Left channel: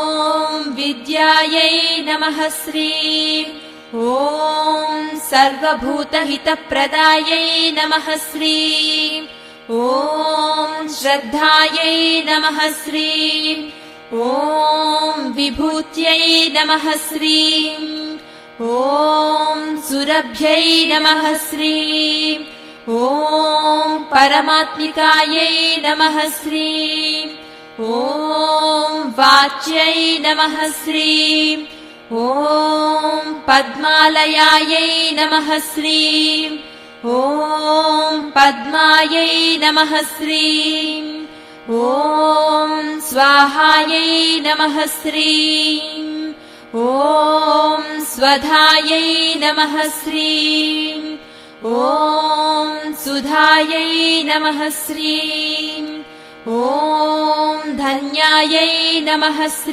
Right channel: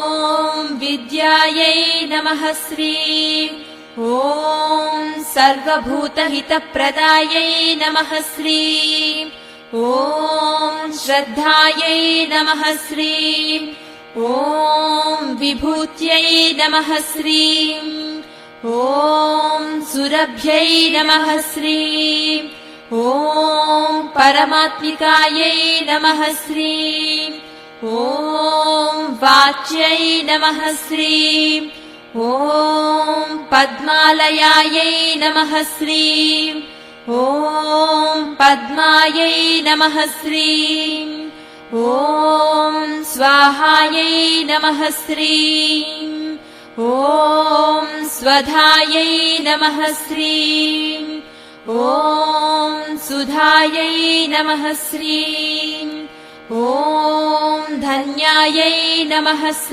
ॐ विद्यायै नमः श्रीं ॐ सर्वभूतहितप्रदायै नमः श्रीं ॐ श्रद्धायै नमः श्रीं ॐ विभूत्यै नमः श्रीं ॐ सुरभ्यै नमः श्रीं ॐ परमात्मिकायै नमः श्रीं ॐ वाच्यै नमः श्रीं ॐ पद्मालयायै नमः श्रीं ॐ पद्मायै नमः श्रीं ॐ स्वाहायै नमः श्रीं ॐ स्वधायै नमः श्रीं ॐ सुधायै नमः श्रीं ॐ धन्यायै नमः श्रीं